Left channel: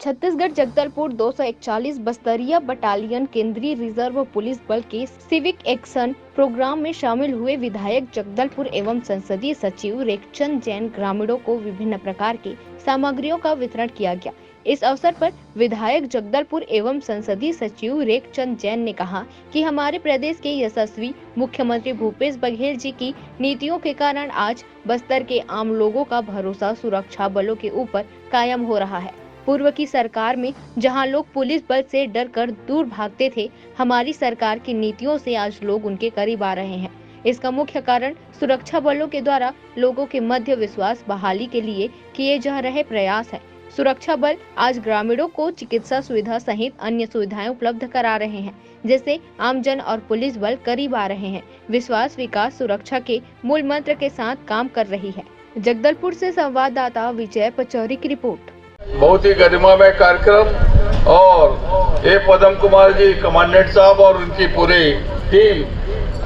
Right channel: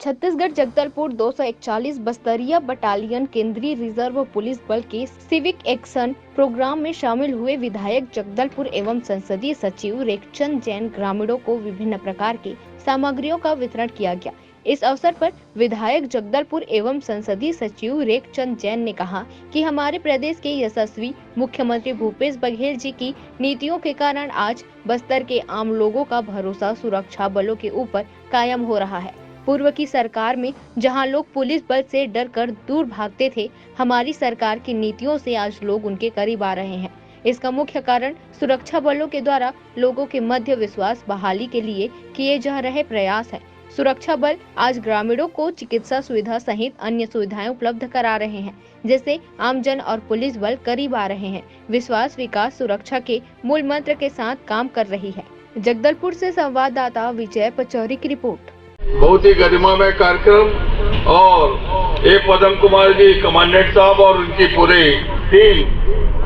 छत्तीसगढ़ जगदलपुर 241 बस्तरिया battalion केंद्रीय reserve police बल के सिविक एक्शन प्रोग्राम में शामिल हुए विधायक जगदलपुर एवं संसदीय सचिव रेखचंद जैन ग्रामीणों को विभिन्न प्रकार की सामग्रियों का वितरण किया गया। इस अवसर पर विधायक जगदलपुर एवं संसदीय सचिव रेखचंद जैन ने कहा कि हमारे प्रदेश के यशस्वी मुख्यमंत्री भूपेश बघेल जी की नीतियों के कारण आज बस्तर के आम लोगों का भरोसा सुरक्षा बलों के ऊपर कायम हो रहा है। पूर्व की सरकार में जहां लोग पुलिस बल से डर कर दूर भागते थे, हमारी सरकार की नीतियों से आज लोग उनके करीब आ रहे हैं। इसका मुख्य कारण सुरक्षा बलों के द्वारा लोगों के मध्य विश्वास बहाली के लिए किए जा रहे प्रयास है। सुरक्षा बल आज ग्रामीणों को चिकित्सा सुविधा सहित अन्य सुविधाएं उपलब्ध करा रहे हैं, जिससे आमजन और पुलिस बल करीब आ रहे हैं। विश्वास, विकास, सुरक्षा के मूल मंत्र के साथ काम कर रही है। जगदलपुर से संवाददाता विजय पचौरी की रिपोर्ट। बहुत ही गरिमामय कार्यक्रम और ए पदम कुमार जी कमांडेंट साहब और उनकी पूरी टीम,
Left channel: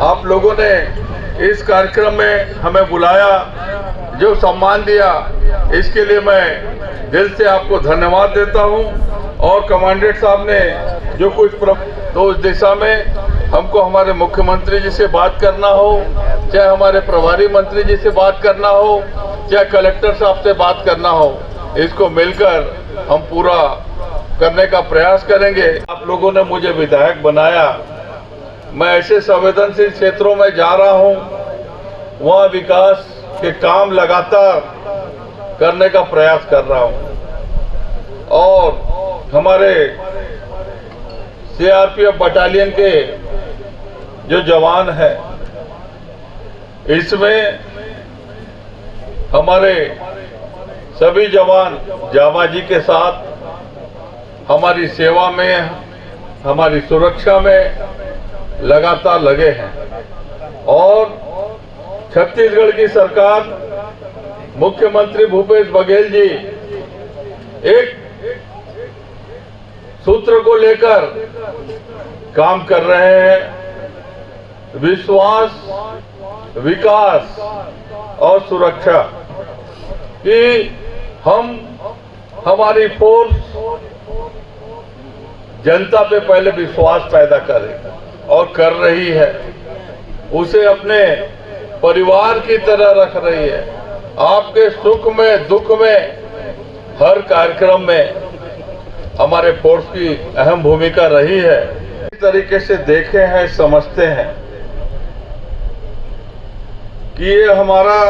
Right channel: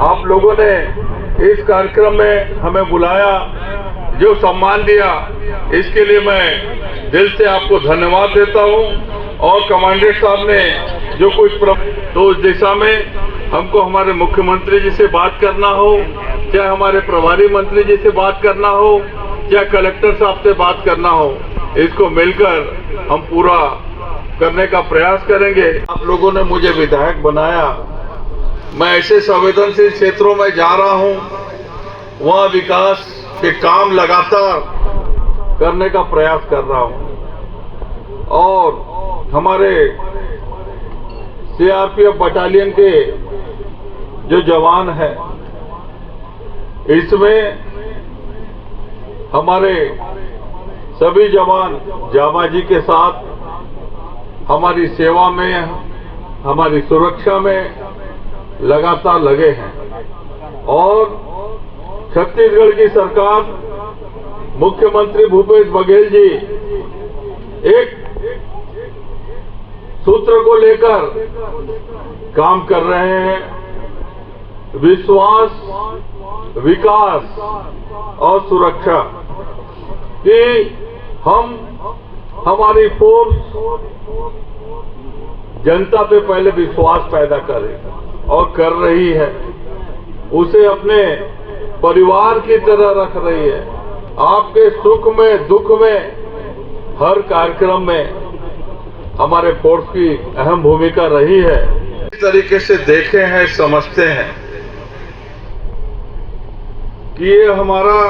आप लोगों ने इस कार्यक्रम में हमें बुलाया, जो सम्मान दिया, इसके लिए मैं दिल से आपको धन्यवाद देता हूं। और कमांडेंट साहब ने जो कुछ तो उस दिशा में हमको हमारे मुख्यमंत्री जी से बात करना हो, चाहे हमारे प्रभारी मंत्री जी से बात करना हो, चाहे कलेक्टर साहब से बात करना हो, इसको मिलकर हम पूरा करने का प्रयास करेंगे। आप लोगों ने मुझे विधायक बनाया, मैं ऐसे संवेदनशील क्षेत्रों में जा रहा हूं, वहां विकास के काम लगातार करने का प्रयास कर रहा हूं। और हमारे सीआरपीएफ बटालियन के जो जवान हैं, इसमें हमारे सभी जवान जाबाजी के साथ हमारी सेवा में, हमारी सुरक्षा में लगातार लगे हैं। और छत्तीसगढ़ की सरकार, मुख्यमंत्री भूपेश बघेल जी एक सूत्र को लेकर काम कर रहे हैं, विश्वास, विकास और सुरक्षा, कि हम हमारी फोर्स जनता पे पहले विश्वास पैदा करें और कर रही है, उसे अपने परिवार की तरह रख रही है। आपके सुख में, दुख में, हर कार्यक्रम में हमारे फोर्स की अहम भूमिका रही है। इस तरीके से देखे हैं, समझते हैं कि ये हमारा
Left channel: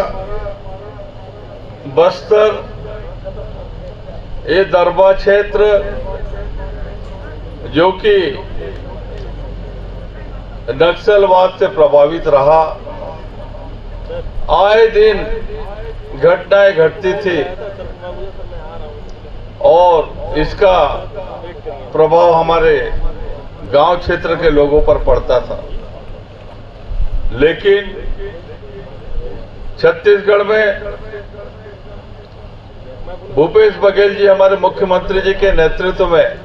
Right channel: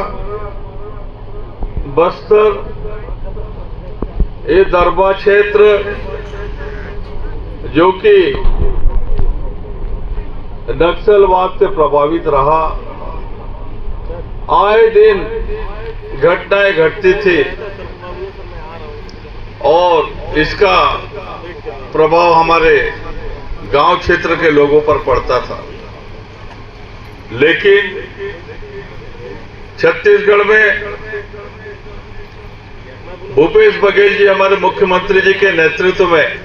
बस्तर, ये दरबा क्षेत्र जो कि नक्सलवाद से प्रभावित रहा, आए दिन घटनाएं घटती थी और इसका प्रभाव हमारे गांव क्षेत्र के लोगों पर पड़ता था। लेकिन छत्तीसगढ़ में भूपेश बघेल जी, हमारे मुख्यमंत्री जी के नेतृत्व में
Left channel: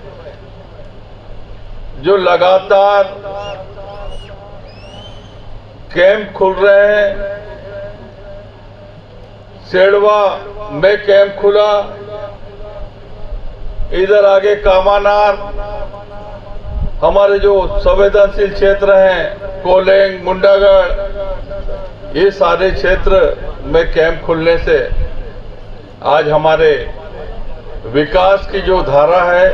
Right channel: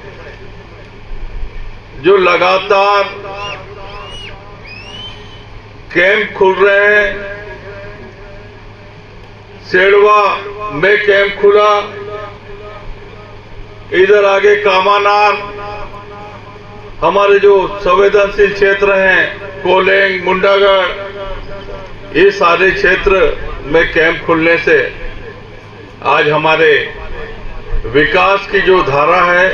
जो लगातार कैंप खुल रहे हैं, सेड़वा में कैंप खुला, इधर आगे कामानार, हमारे जो संवेदनशील क्षेत्र हैं, कोलेंग, मुंडागढ़, ये सारे क्षेत्र में कैंप खुलने से आज हमारे विकास की जो धारा है